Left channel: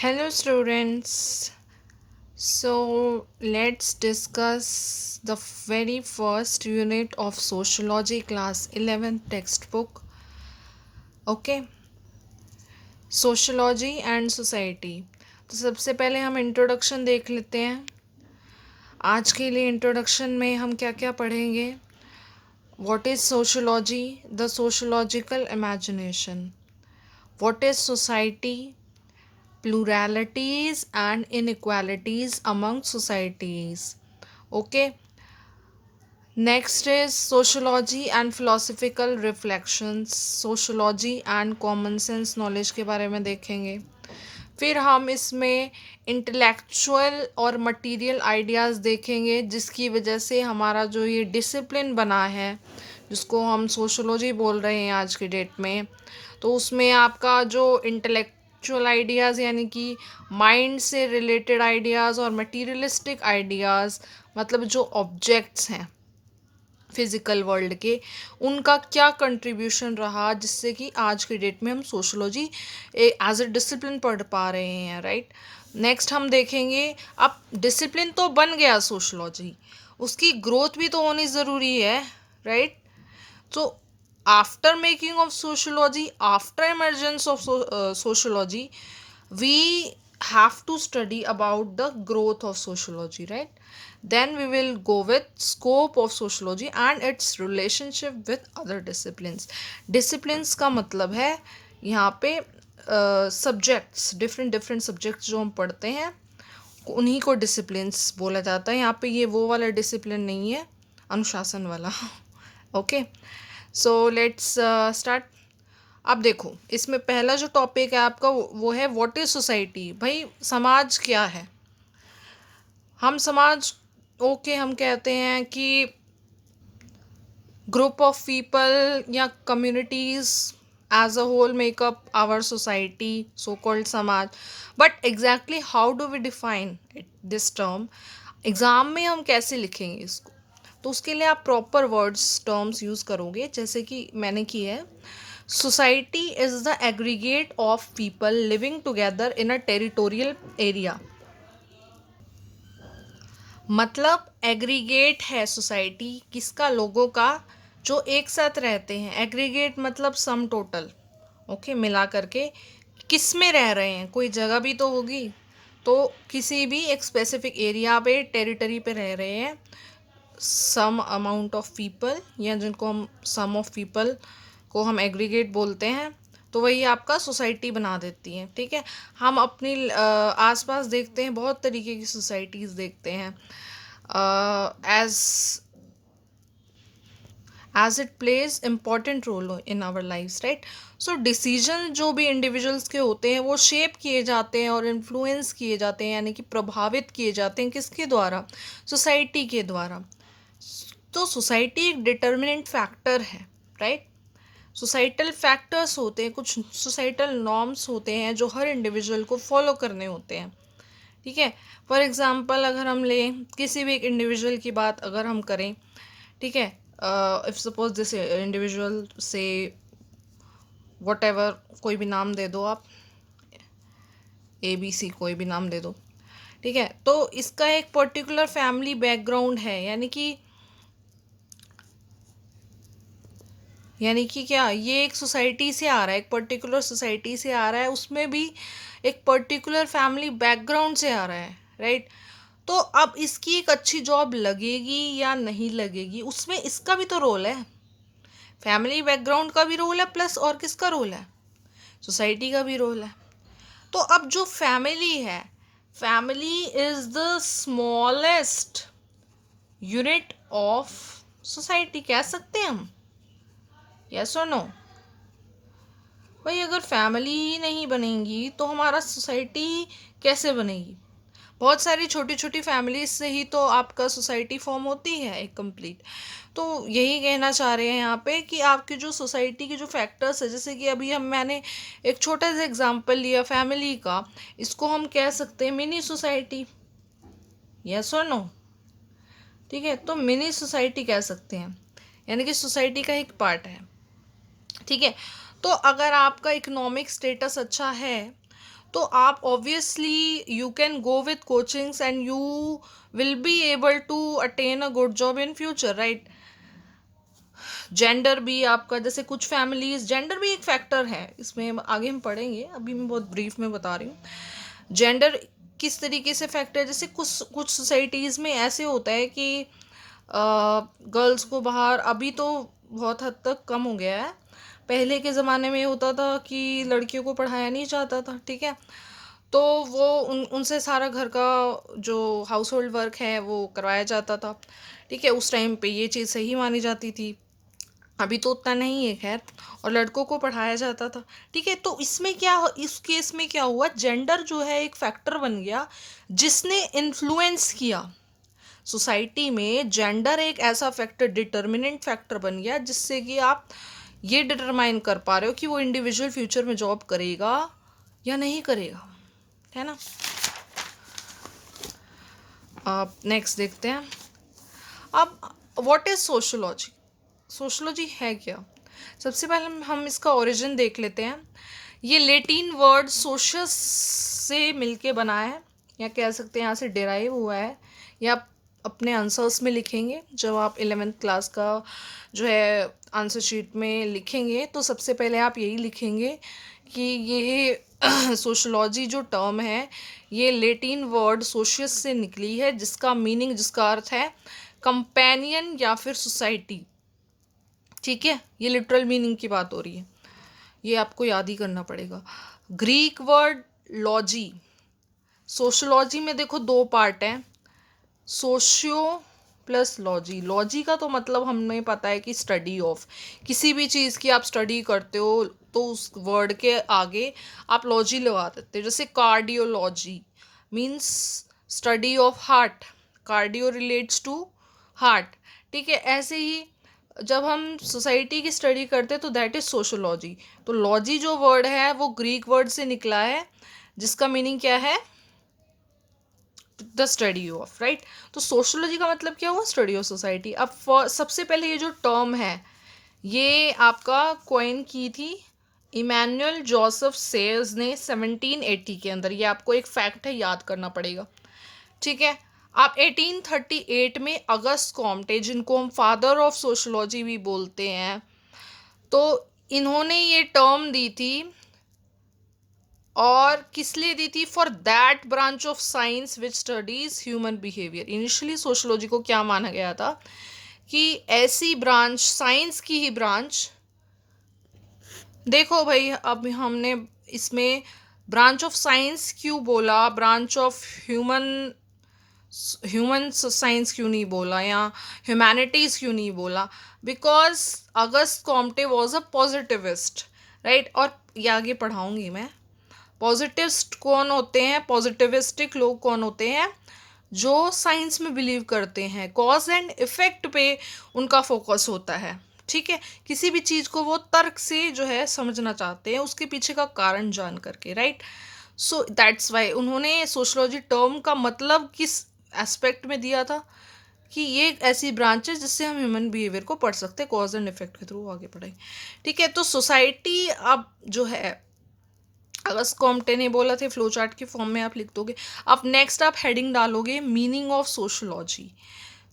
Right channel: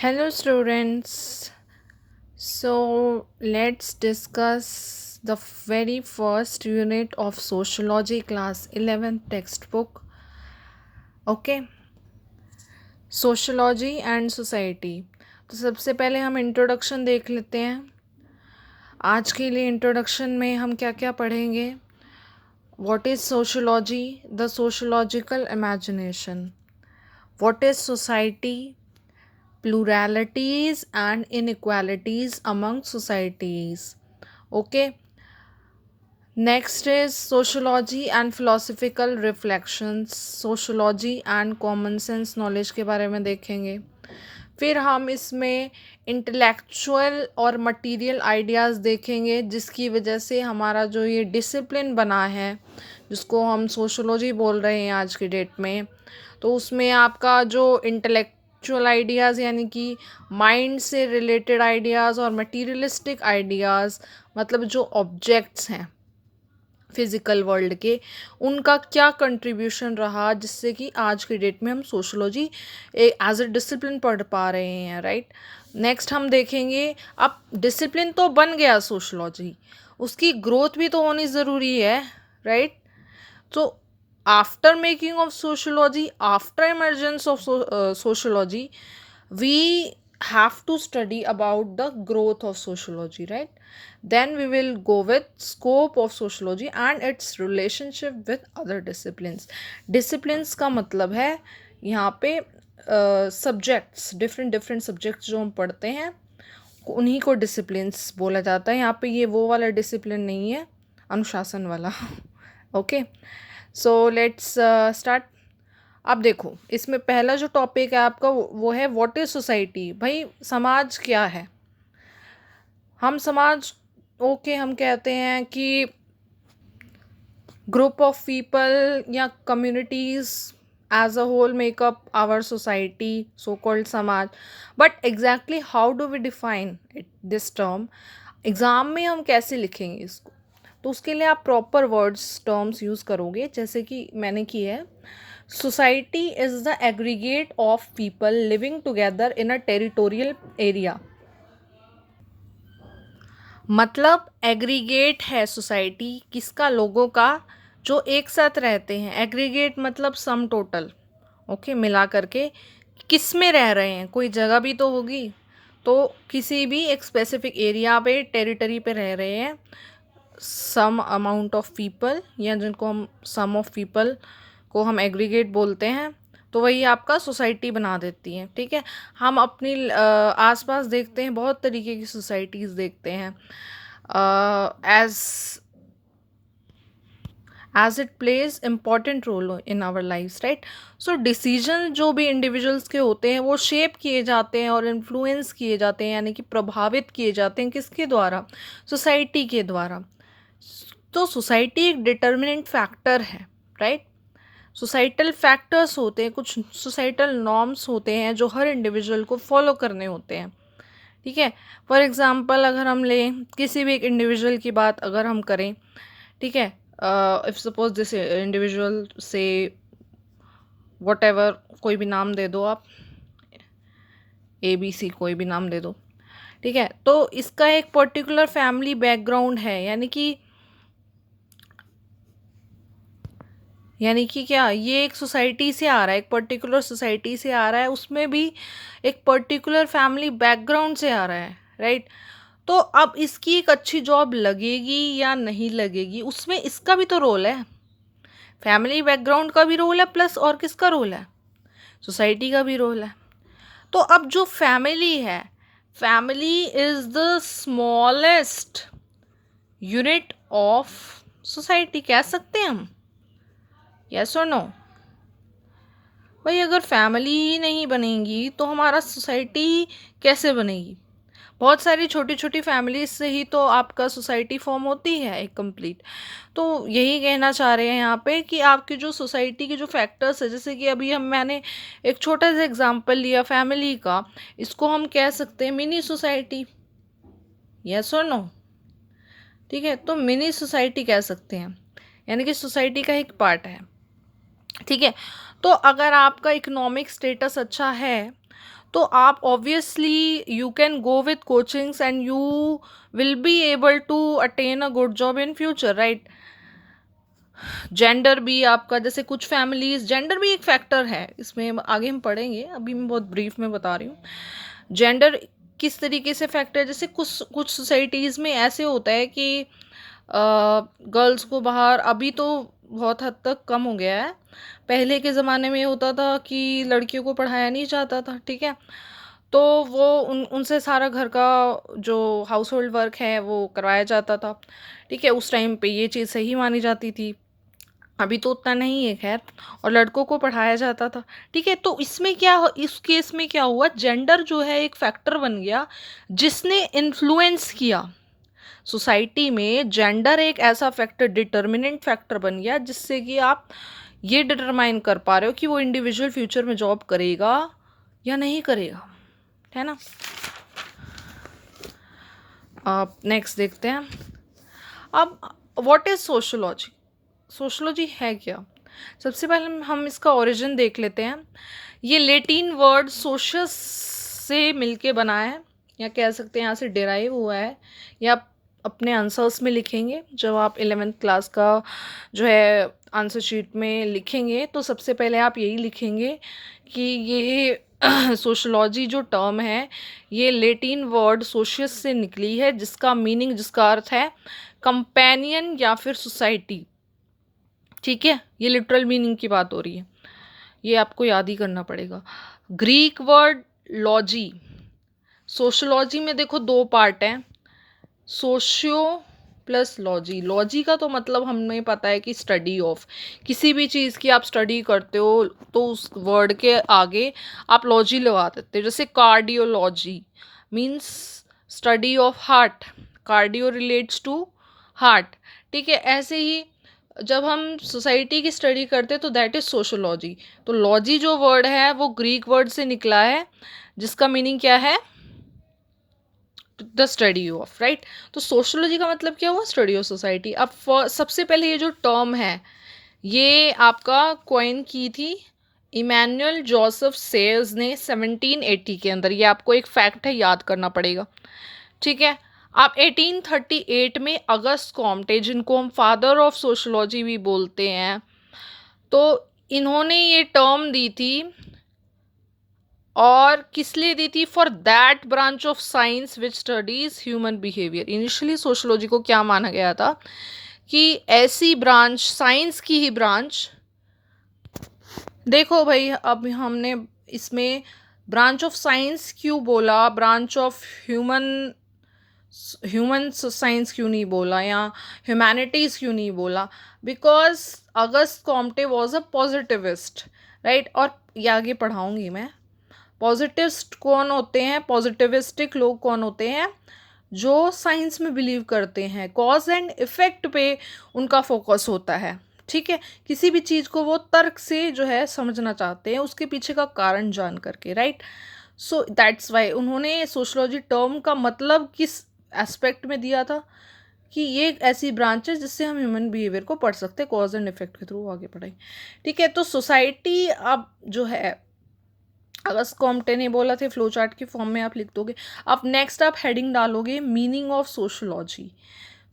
Hello, students. So, let's discuss the very first unit of Sociology class 11th textbook. Okay, Sociology and Society. तो सबसे पहले हम introduction देख लेते हैं. आज के लिए इंट्रोडक्शन में हम क्या क्या पढ़ेंगे. What is sociology? The sociological imagination. What is society? Pluralities and inequalities among societies. Okay, next is sociology and philosophical reflections. Sociology and common sense knowledge के बारे में देखेंगे. फिर हम इसमें इंटेलेक्चुअल और मटेरियल आइडियाज़ देखेंगे जिसकी वजह से हमारा जो ये डिसिप्लिन बना है जिसको हम सोशोलॉजी बोल रहे हैं आज की डेट में, तो उसमें आपका जो इंटेलेक्चुअल आइडियाज़ यानी कि माइंड से रिलेटेड आइडियाज़ और मटीरियलिस्टिक आइडियाज़ मतलब जो ऑब्जेक्ट्स हैं फिज़िकल वर्ल्ड के, उनका क्या कंट्रीब्यूशन रहा जिससे कि आज की डेट में हम सोशोलॉजी एज अ डिसिप्लिन पढ़ पा रहे हैं. राइट. नेक्स्ट हम देखेंगे, अब डिसिप्लिन तो बन गया सोशोलॉजी, उसकी ग्रोथ भी तो होनी ज़रूरी है. Right. So, after making of sociology, after emergence of sociology, we have to study about the growth of sociology, right? Then we will go with scope of sociology and its relationship with other disciplines. Disciplines का मतलब है यहाँ पे subjects, different subjects जो हम पढ़ते हैं उन्हीं को डिसिप्लिन्स बोला जाता है. यहाँ पे ये वो वाला डिसिप्लिन नहीं है, अनुशासन वाला. Okay, so let's start. अब देखो, इसमें पहला जो टॉपिक है आपका वो है व्हाट इज सोसाइटी. भाई समाज क्या है. हम समाज हम कहते हैं कि ग्रुप ऑफ पीपल या communities as a whole make up our society, so called समाज. But exactly how do we define this term. Exam में हम कैसे लिखेंगे इसको, तो उसके लिए आप प्रॉपर वर्ड्स टर्म्स यूज़ करोगे जैसे कि मैंने की है. Society is the aggregate of people living together in a territorial area. मतलब एग्रीगेट है सोसाइटी किसका, लोगों का जो एक साथ रहते हैं. एग्रीगेट मतलब सम टोटल. ओके, मिला करके किस में रह रहे हैं, कोई जगह भी तो होगी. तो किसी भी एक स्पेसिफिक एरिया पे टेरिटरी पे रह रहे हैं सम अमाउंट ऑफ पीपल, या जिनको हम सम ऑफ पीपल को हम एग्रीगेट बोलते हैं, तो वही आपका सोसाइटी बना देती है. ठीक है. हम अपनी आसपास देखते हैं, बहुत तरीके की सोसाइटीज़ देखते हैं as it plays important role in our lives, right? So decision जो भी इंडिविजुअल्स के होते हैं वो शेप किए जाते हैं और इन्फ्लुएंस किए जाते हैं, यानी कि प्रभावित किए जाते हैं किसके द्वारा, सोसाइटी के द्वारा. तो सोसाइटी एक डिटर्मिनेंट फैक्टर है. राइट. सोसाइटल फैक्टर्स होते हैं, कुछ सोसाइटल नॉर्म्स होते हैं जो हर इंडिविजुअल को फॉलो करने होते हैं. ठीक है. फॉर एग्जांपल अगर हम लें किसी भी एक इंडिविजुअल की बात अगर हम करें, ठीक है, इफ सपोज दिस इंडिविजुअल से वट एवर, कोई भी नाम दे दो आप, ABC कोई भी नाम दे दो. ठीक है. तो इसका एक पर्टिकुलर फैमिली बैकग्राउंड है, यानी कि क्या, ये एक सोसाइटी से आ रहा है, एक पर्टिकुलर सोसाइटी से आ रहा है, उसमें भी एक पर्टिकुलर फैमिली बैकग्राउंड से आ रहा है. राइट. तो अब इसकी एक अच्छी जॉब लगेगी या नहीं लगेगी, उसमें इसका भी तो रोल है. फैमिली बैकग्राउंड का भी रोल है, प्लस और किसका रोल है, सोसाइटी का भी रोल है. तो अब जो फैमिली है, family is the smallest unit of society, कह सकते हैं हम. यस और नो. भाई अगर फैमिली ही नहीं बनेगी तो हमारा सोसाइटी कैसे बनेगी. बहुत सारी छोटी छोटी फैमिलीज से ही तो आपका सोसाइटी फॉर्म होती है एक कंप्लीट. तो यही कहना चाह रहे हैं यहाँ पे कि आपकी जो सोसाइटी के जो फैक्टर्स है, जैसे कि अभी मैंने एक छोटा सा एग्जांपल लिया फैमिली का, इसको हम कह सकते हैं मिनी सोसाइटी. यस और नो. ठीक है. तो मिनी सोसाइटी कह सकते हैं, यानी कि सोसाइटी का एक पार्ट है. ठीक है. तो अगर आपका इकोनॉमिक स्टेटस अच्छा है तो आप obviously you can go with coachings and you will be able to attain a good job in future, right. Gender भी आपका, जैसे कुछ फैमिलीज, जेंडर भी एक फैक्टर है इसमें, आगे हम पढ़ेंगे, अभी मैं बहुत ब्रीफ में बता रही हूँ जेंडर किस तरीके से फैक्टर। जैसे कुछ कुछ सोसाइटीज़ में ऐसे होता है कि गर्ल्स को बाहर, अभी तो बहुत हद तक कम हो गया है, पहले के ज़माने में ये होता था कि लड़कियों को पढ़ाया नहीं जाता था, ठीक है। तो वो उनसे सारा घर का जो हाउस होल्ड वर्क है वो करवाया जाता था, ठीक है। उस टाइम पे ये चीज़ सही मानी जाती थी, अभी तो उतना नहीं है खैर, और लड़कों को पढ़ाया जाता था, ठीक है। तो इसमें क्या, इस केस में क्या हुआ, जेंडर जो है एक फैक्टर बन गया जिसने इन्फ्लुएंस किया सोसाइटी में। जेंडर एक ऐसा फैक्टर, डिटर्मिनेंट फैक्टर बन गया जिससे कि आप ये डिटरमाइन कर पा रहे हो कि वो इंडिविजुअल फ्यूचर में जॉब करेगा या नहीं करेगा, है ना। अब नेक्स्ट देखते हैं। अब व्हाट इज सोशोलॉजी। सोशोलॉजी है क्या। सबसे पहले हम इसका ओरिजिन देख लेते हैं। ये लेटिन वर्ड सोशस से मिलके बना है, या कह सकते हैं यहाँ से डिराइव हुआ है, या आप अपने आंसर्स में लिखेंगे जब आप 11th क्लास का जो है आंसर शीट में लिखेंगे, तो सबसे पहले आप यही लिखेंगे कि ये सोशोलॉजी जो टर्म है ये लेटिन वर्ड सोशियस से निकली है, जिसका मीनिंग, जिसका अर्थ है कंपेनियन या फिर सोसाइटी, ठीक है। ये लिटरल मीनिंग की बात हो रही है, ये आपको याद ही करना पड़ेगा। ग्रीक वर्ड लॉजी, सोशोलॉजी में देखो दो पार्ट हैं, सोशियो प्लस लॉजी। लॉजी का तो मतलब हमें पता है कि स्टडी ऑफ, किसी भी चीज़ की आप स्टडी करते हो तो उस वर्ड के आगे आप लॉजी लगा देते हो। जैसे cardiology means study of heart, cardio relates to heart, ठीक है। ऐसे ही जब हम सोसाइटी की स्टडी करते हैं तो दैट इज़ सोशोलॉजी। तो लॉजी जो वर्ड है वो ग्रीक वर्ड से निकला है, जिसका मीनिंग क्या है, द स्टडी ऑफ, राइट। तो सोशोलॉजी का मतलब क्या हुआ, स्टडी ऑफ सोसाइटी। अब सबसे पहले ये जो टर्म है ये आपका कॉइन की थी इमैनुअल जोसेफ सेयर्स ने 1780 के अंदर। ये आपको एक फैक्ट है, याद करना पड़ेगा, ठीक है। आप 1838 में अगस्त कॉम्टे, जिनको हम फादर ऑफ सोशोलॉजी भी बोलते हैं, तो इन्होंने ये टर्म दी थी, और किस लिए दी थी, for that branch of science which studies human behaviour. Initially sociology को क्या माना गया था कि ऐसी ब्रांच, साइंस की ही ब्रांच, देखो भाई अब हमने इसमें ब्रांच ऑफ साइंस क्यों बोला, ब्रांच ऑफ ह्यूमन साइंस क्यों नहीं बोला, या ह्यूमैनिटीज़ क्यों नहीं बोला, because August Comte was a positivist, right. और ये आगे पढ़ाऊँगी मैं। पॉजिटिविस्ट कौन होते हैं, पॉजिटिविस्टिक लोग कौन होते हैं, जो साइंस में बिलीव करते हैं, कॉज एंड इफ़ेक्ट पे उनका फोकस होता है, ठीक है। किसी भी चीज़ को वो तर्क से जो है समझना चाहते हैं, उसके पीछे का कारण जान करके, राइट। सो दैट्स वाई उन्होंने सोशोलॉजी टर्म का मतलब किस एस्पेक्ट में दिया था कि ये एक ऐसी ब्रांच है जिससे हम ह्यूमन बिहेवियर को पढ़ सकते हैं, कॉज एंड इफेक्ट के थ्रू आगे पढ़ाई, ठीक है। तो सोसाइटी अब जो है अगस्त कॉम्टे ने बोला थे, फ्लो चार्ट के फॉर्म में आप लिख दोगे। अब नेक्स्ट आप हेडिंग डालोगे मीनिंग ऑफ सोशोलॉजी।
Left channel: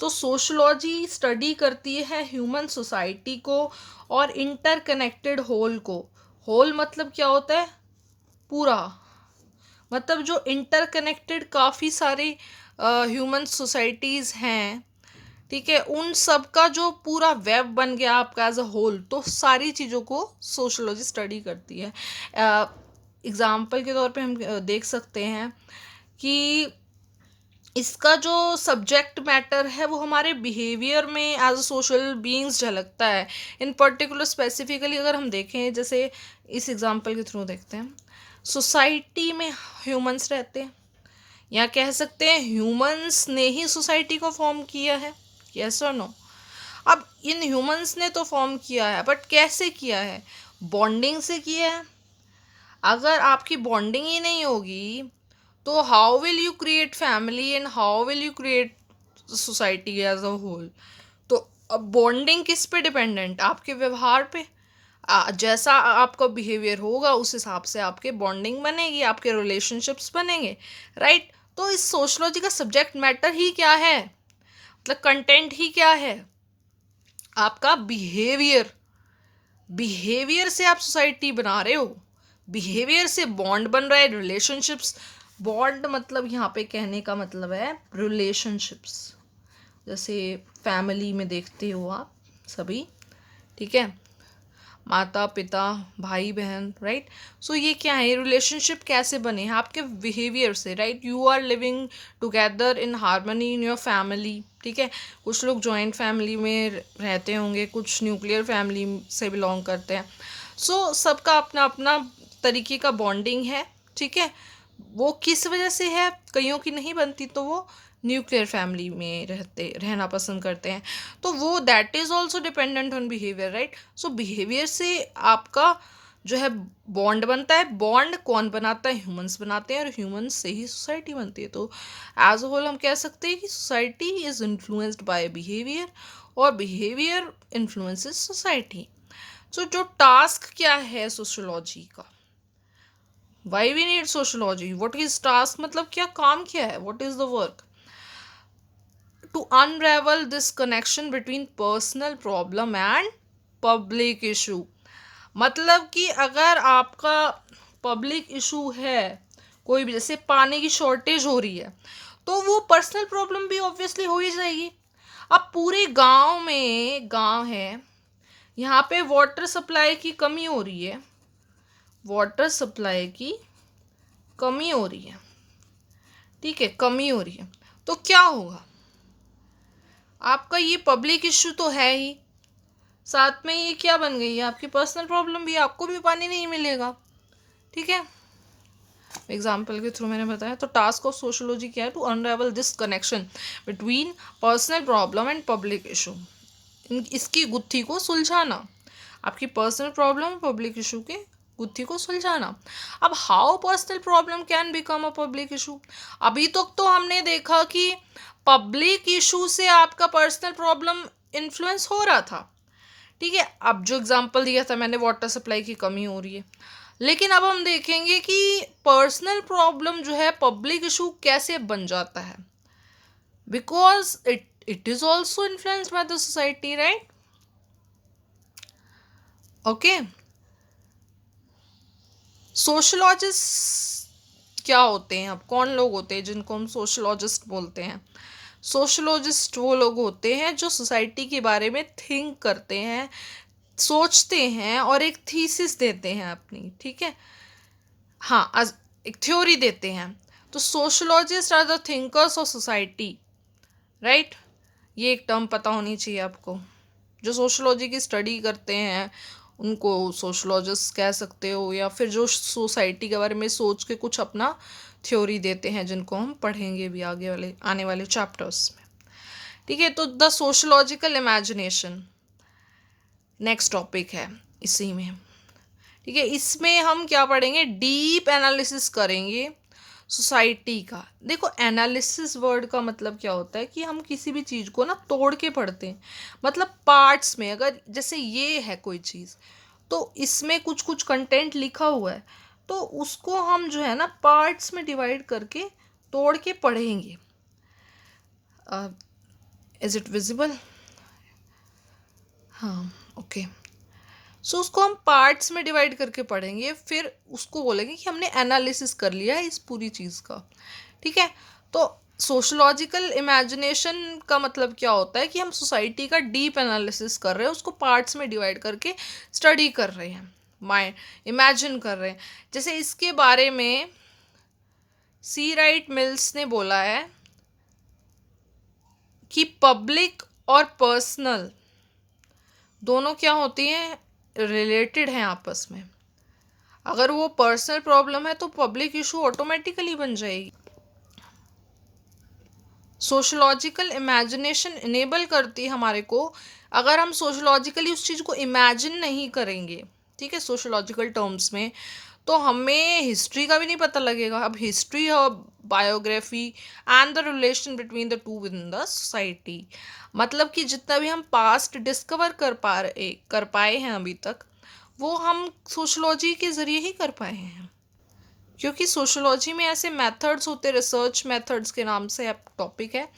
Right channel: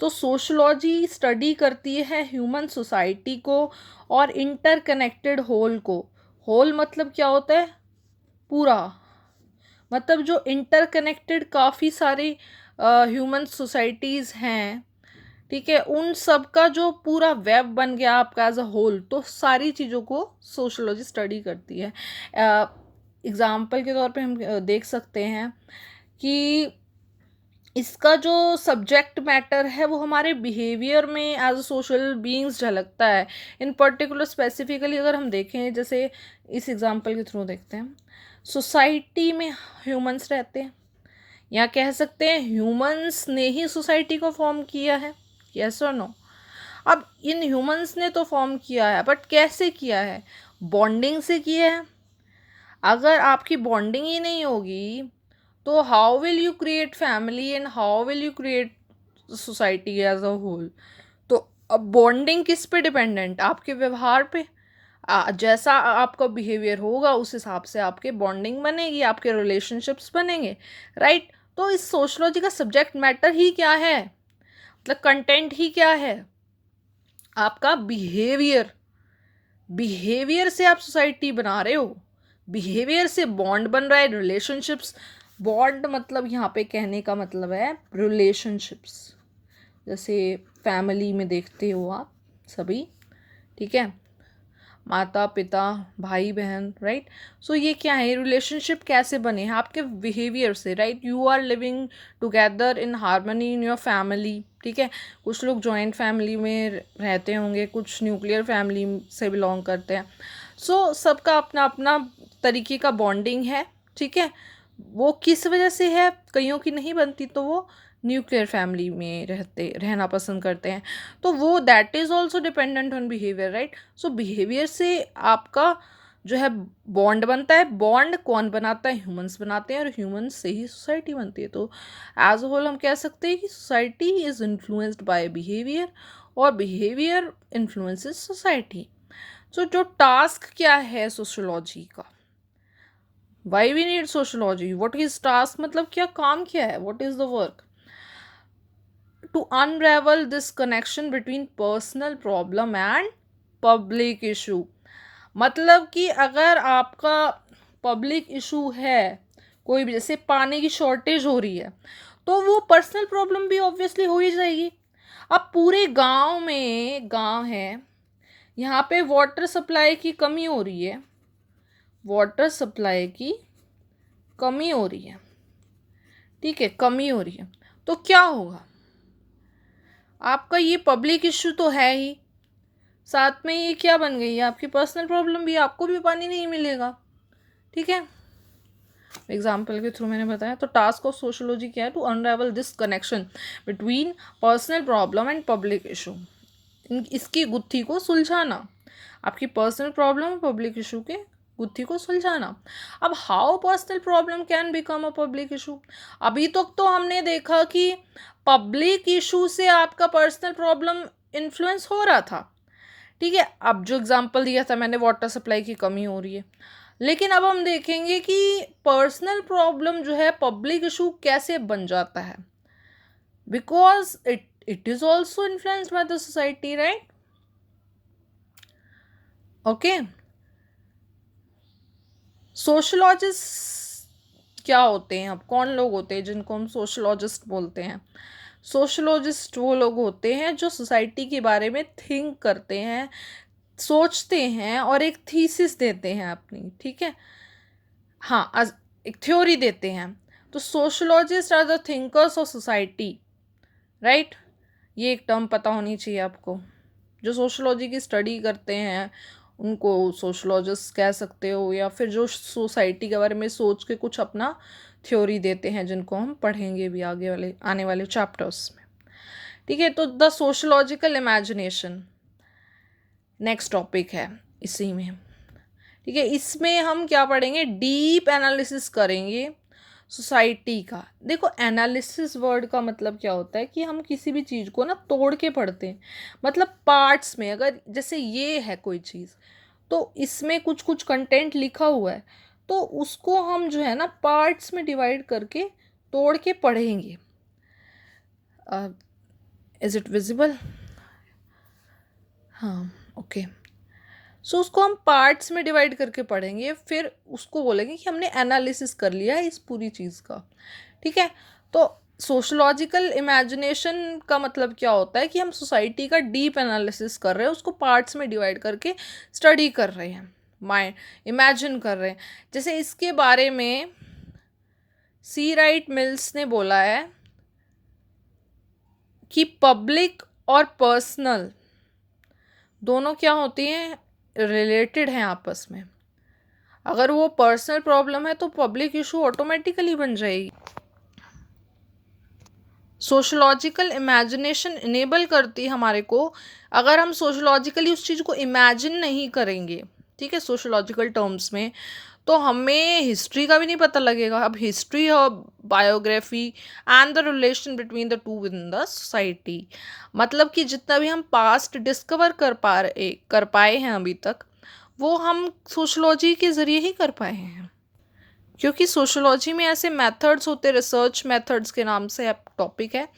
तो सोशोलॉजी स्टडी करती है ह्यूमन सोसाइटी को और इंटरकनेक्टेड होल को। होल मतलब क्या होता है, पूरा, मतलब जो इंटरकनेक्टेड काफ़ी सारी ह्यूमन सोसाइटीज़ हैं, ठीक है, उन सब का जो पूरा वेब बन गया आपका एज अ होल, तो सारी चीज़ों को सोशोलॉजी स्टडी करती है। एग्ज़ाम्पल के तौर पे हम देख सकते हैं कि इसका जो सब्जेक्ट मैटर है वो हमारे बिहेवियर में एज अ सोशल बीइंग्स झलकता है। इन पर्टिकुलर स्पेसिफिकली अगर हम देखें, जैसे इस एग्ज़ाम्पल के थ्रू देखते हैं, सोसाइटी में ह्यूमंस रहते हैं, या कह सकते हैं ह्यूमंस ने ही सोसाइटी को फॉर्म किया है, यस और नो। अब इन ह्यूमंस ने तो फॉर्म किया है, बट कैसे किया है, बॉन्डिंग से किया है। अगर आपकी बॉन्डिंग ही नहीं होगी तो how will you create family and how will you create society as a whole. तो अब बॉन्डिंग किस पे डिपेंडेंट, आपके व्यवहार पे। जैसा आपका बिहेवियर होगा उस हिसाब से आपके बॉन्डिंग बनेगी, आपके रिलेशनशिप्स बनेंगे, राइट। तो इस सोशलॉजी का सब्जेक्ट मैटर ही क्या है, मतलब कंटेंट ही क्या है, आपका बिहेवियर। बिहेवियर से आप सोसाइटी बना रहे हो, बिहेवियर से बॉन्ड बन रहा है, रिलेशनशिप्स। बॉन्ड मतलब यहाँ पे कहने का मतलब है रिलेशनशिप्स, जैसे फैमिली में देखते हो आप सभी, ठीक है, माता पिता भाई बहन, राइट। सो ये क्या है, ये रिलेशनशिप कैसे बने हैं आपके बिहेवियर से, right. You are living together in harmony in your family, ठीक है। कुछ लोग जॉइंट फैमिली में रहते होंगे, कुछ न्यूक्लियर फैमिली से बिलोंग करते हैं। सो सबका अपना अपना तरीके का बॉन्डिंग है, ठीक है। वो किस वजह से है, कईयों की नहीं बनती तो वो न्यूक्लियर फैमिली में रहना पसंद करते हैं, तो वो that is also dependent on behaviour, right. So behaviour से आपका जो है बॉन्ड बनता है। बॉन्ड कौन बनाता है, ह्यूमंस बनाते हैं, और ह्यूमंस से ही सोसाइटी बनती है। तो एज अ होल हम कह सकते हैं कि society is influenced by behaviour, और बिहेवियर इन्फ्लुएंसेस सोसाइटी। सो जो टास्क क्या है सोशोलॉजी का, why we need sociology, what is task, मतलब क्या काम क्या है, what is the work. To unravel this connection between personal problem and public issue. मतलब कि अगर आपका पब्लिक इशू है कोई भी, जैसे पानी की शॉर्टेज हो रही है, तो वो पर्सनल प्रॉब्लम भी ऑब्वियसली हो ही जाएगी। अब पूरे गांव में, गांव है, यहाँ पे वाटर सप्लाई की कमी हो रही है, वाटर सप्लाई की कमी हो रही है, ठीक है, कमी हो रही है, तो क्या होगा, आपका ये पब्लिक इश्यू तो है ही, साथ में ये क्या बन गई है, आपकी पर्सनल प्रॉब्लम भी, आपको भी पानी नहीं मिलेगा, ठीक है। एग्जाम्पल के थ्रू मैंने बताया। तो टास्क ऑफ सोशोलॉजी क्या है, to unravel this connection between personal problem and public issue, इसकी गुत्थी को सुलझाना, आपकी पर्सनल प्रॉब्लम और पब्लिक इशू के गुत्थी को सुलझाना। अब how personal problem can become a public issue, अभी तक तो हमने देखा कि पब्लिक इशू से आपका पर्सनल प्रॉब्लम इन्फ्लुएंस हो रहा था, ठीक है। अब जो एग्जांपल दिया था मैंने, वाटर सप्लाई की कमी हो रही है, लेकिन अब हम देखेंगे कि पर्सनल प्रॉब्लम जो है पब्लिक इशू कैसे बन जाता है, because it is also influenced by the society, right. Okay, sociologist क्या होते हैं, अब कौन लोग होते हैं जिनको हम सोशोलॉजिस्ट बोलते हैं। सोशोलॉजिस्ट वो लोग होते हैं जो सोसाइटी के बारे में थिंक करते हैं, सोचते हैं, और एक थीसिस देते हैं अपनी, ठीक है, हाँ, एक थ्योरी देते हैं। तो sociologist are the thinkers of society, right. ये एक टर्म पता होनी चाहिए आपको। जो सोशोलॉजी की स्टडी करते हैं उनको सोशोलॉजिस्ट कह सकते हो, या फिर जो सोसाइटी के बारे में सोच के कुछ अपना थ्योरी देते हैं, जिनको हम पढ़ेंगे भी आगे वाले आने वाले चैप्टर्स में, ठीक है। तो the sociological imagination next topic है इसी में, ठीक है। इसमें हम क्या पढ़ेंगे, डीप एनालिसिस करेंगे सोसाइटी का। देखो, एनालिसिस वर्ड का मतलब क्या होता है कि हम किसी भी चीज़ को ना तोड़ के पढ़ते हैं, मतलब पार्ट्स में। अगर जैसे ये है कोई चीज़, तो इसमें कुछ कुछ कंटेंट लिखा हुआ है, तो उसको हम जो है ना पार्ट्स में डिवाइड करके तोड़ के पढ़ेंगे। इज इट विजिबल, हाँ, ओके। सो उसको हम पार्ट्स में डिवाइड करके पढ़ेंगे, फिर उसको बोलेंगे कि हमने एनालिसिस कर लिया है इस पूरी चीज़ का, ठीक है। तो सोशोलॉजिकल इमेजिनेशन का मतलब क्या होता है कि हम सोसाइटी का डीप एनालिसिस कर रहे हैं, उसको पार्ट्स में डिवाइड करके स्टडी कर रहे हैं, माइंड इमेजिन कर रहे हैं। जैसे इसके बारे में सी राइट मिल्स ने बोला है कि पब्लिक और पर्सनल दोनों क्या होती हैं, रिलेटेड हैं आपस में। अगर वो पर्सनल प्रॉब्लम है तो पब्लिक इशू ऑटोमेटिकली बन जाएगी। सोशोलॉजिकल इमेजिनेशन इनेबल करती है हमारे को। अगर हम सोशोलॉजिकली उस चीज़ को इमेजिन नहीं करेंगे, ठीक है, सोशोलॉजिकल टर्म्स में, तो हमें हिस्ट्री का भी नहीं पता लगेगा। अब हिस्ट्री और biography and the relation between the two with in the society, मतलब कि जितना भी हम पास्ट डिस्कवर कर पाए हैं अभी तक, वो हम सोशोलॉजी के ज़रिए ही कर पाए हैं, क्योंकि सोशोलॉजी में ऐसे मेथड्स होते, रिसर्च मेथड्स के नाम से अब टॉपिक है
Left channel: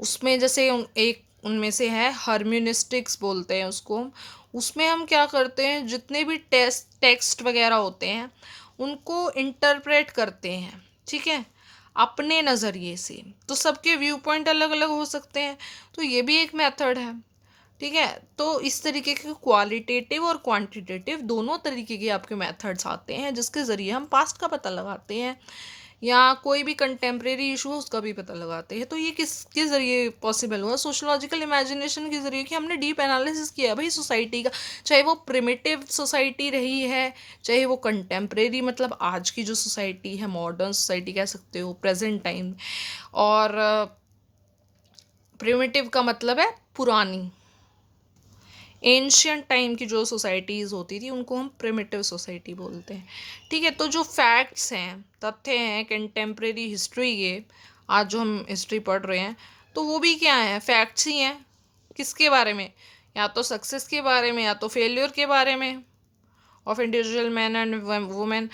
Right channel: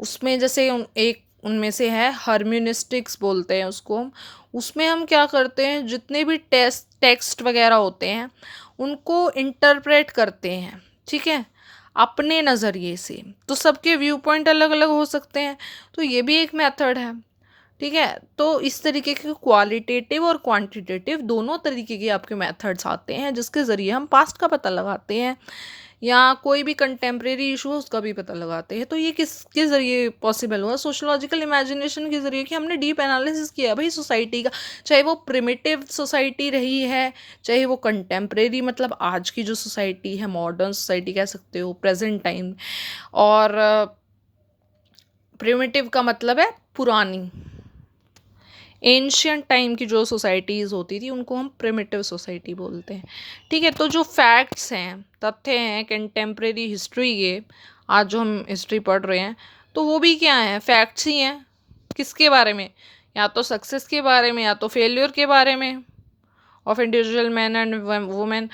उसमें, जैसे एक उनमें से है हर्म्यूनिस्टिक्स बोलते हैं उसको हम। उसमें हम क्या करते हैं, जितने भी टेक्स्ट वगैरह होते हैं उनको इंटरप्रेट करते हैं, ठीक है, अपने नज़रिए से। तो सबके व्यू पॉइंट अलग अलग हो सकते हैं, तो ये भी एक मेथड है, ठीक है। तो इस तरीके के क्वालिटेटिव और क्वांटिटेटिव दोनों तरीके के आपके मेथड्स आते हैं, जिसके ज़रिए हम पास्ट का पता लगाते हैं या कोई भी कंटेम्प्रेरी इशू है उसका भी पता लगाते हैं। तो ये किसके ज़रिए पॉसिबल हुआ, सोशोलॉजिकल इमेजिनेशन के ज़रिए, कि हमने डीप एनालिसिस किया भाई सोसाइटी का, चाहे वो प्रिमिटिव सोसाइटी रही है, चाहे वो कंटेम्प्रेरी मतलब आज की जो सोसाइटी है, मॉडर्न सोसाइटी कह सकते हो, प्रेजेंट टाइम। और प्रिमिटिव का मतलब है पुरानी, एंशियंट टाइम की जो सोसाइटीज़ होती थी उनको हम प्रिमिटिव सोसाइटी बोलते हैं, ठीक है। तो जो फैक्ट्स हैं, तथ्य हैं कंटेम्प्रेरी हिस्ट्री के, आज जो हम हिस्ट्री पढ़ रहे हैं, तो वो भी क्या हैं, फैक्ट्स ही हैं। किसके बारे में, या तो सक्सेस के बारे में या तो फेल्योर के बारे में of individual man and women,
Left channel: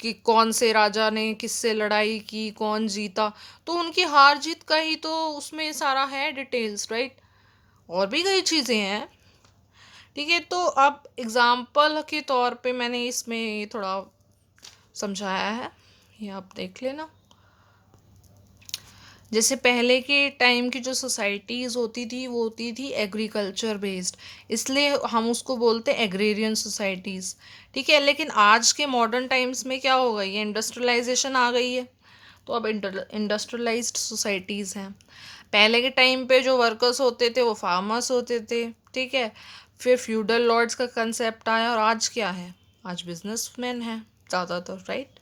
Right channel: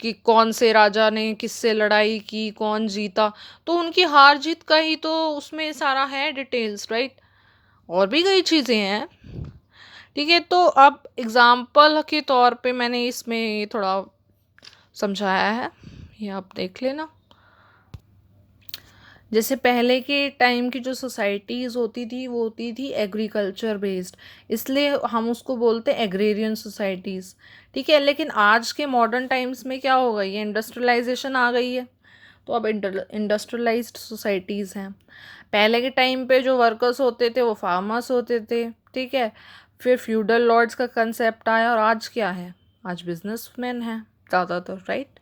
कि कौन से राजा ने किससे लड़ाई की, कौन जीता, तो उनकी हार जीत का ही तो उसमें सारा है डिटेल्स, राइट। और भी कई चीज़ें हैं, ठीक है। तो अब एग्ज़ाम्पल के तौर पे मैंने इसमें थोड़ा समझाया है, ये आप देख लेना। जैसे पहले के टाइम की जो सोसाइटीज़ होती थी वो होती थी एग्रीकल्चर बेस्ड, इसलिए हम उसको बोलते हैं एग्रेरियन सोसाइटीज़, ठीक है। लेकिन आज के मॉडर्न टाइम्स में क्या हो गई है, इंडस्ट्रियलाइजेशन आ गई है, तो अब इंडस्ट्रियलाइज्ड सोसाइटीज़ हैं। पहले के टाइम पे जो वर्कर्स होते थे वो फार्मर्स होते थे, ठीक है। फिर फ्यूडल लॉर्ड्स का कंसेप्ट आया, और आज क्या है, आज बिजनेसमैन है ज़्यादातर, राइट।